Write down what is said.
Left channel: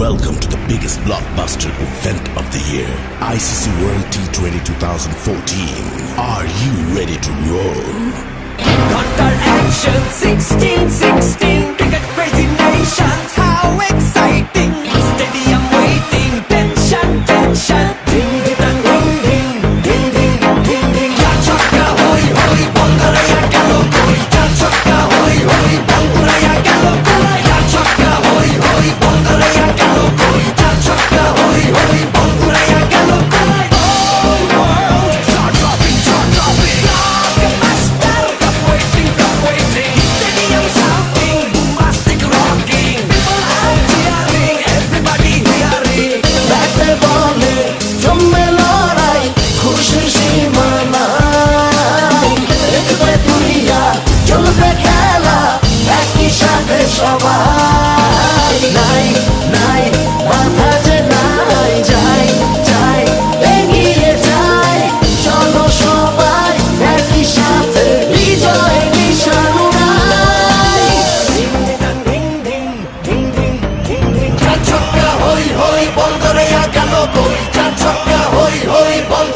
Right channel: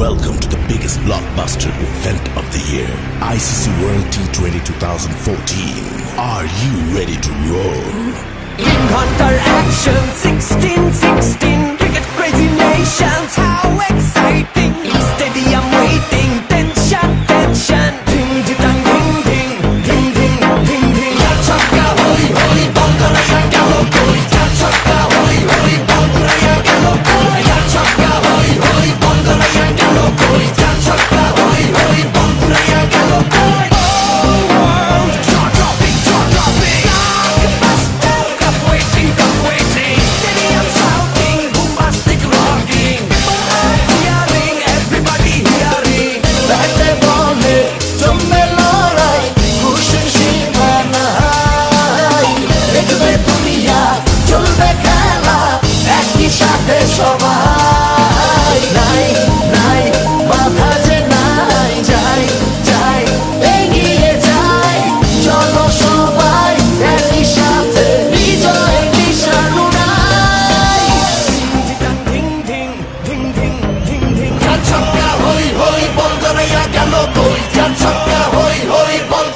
Welcome to the biggest blockbuster event of the year, ICC World T20 2014. Are you ready to roll? Hunter action 16-16, cricket crazy nations, how exciting! Stadium waiting, tension, tension. Ding ding ding ding ding ding ding ding. Ya chakka hoi hoi, banguraya gelo koi. Ya chakka hoi hoi, banguraya gelo koi. Ya chakka hoi hoi, banguraya gelo koi. Ya chakka hoi hoi, banguraya gelo koi. All world jaw-dropping, jaw-dropping. Blockbuster, cup waiting. Stadium shouting, bombastic rocking. People are cheering, everybody hearing. ব্যাটে বলে জমে লড়াই, খুশির সীমা নাই। দেখবে দুনিয়া, চলবে খেলা, একই সাথে সবাই। নাই নাই বাধা যে নাই, যাই যাই এগিয়ে যাই। চলো সবাই একই সাথে বিজয়ের নিশান উড়াই। Ding ding ding ding ding ding. চার ছক্কা হই হই, বল গড়াইয়া গেল কই। চার ছক্কা হই হই, বল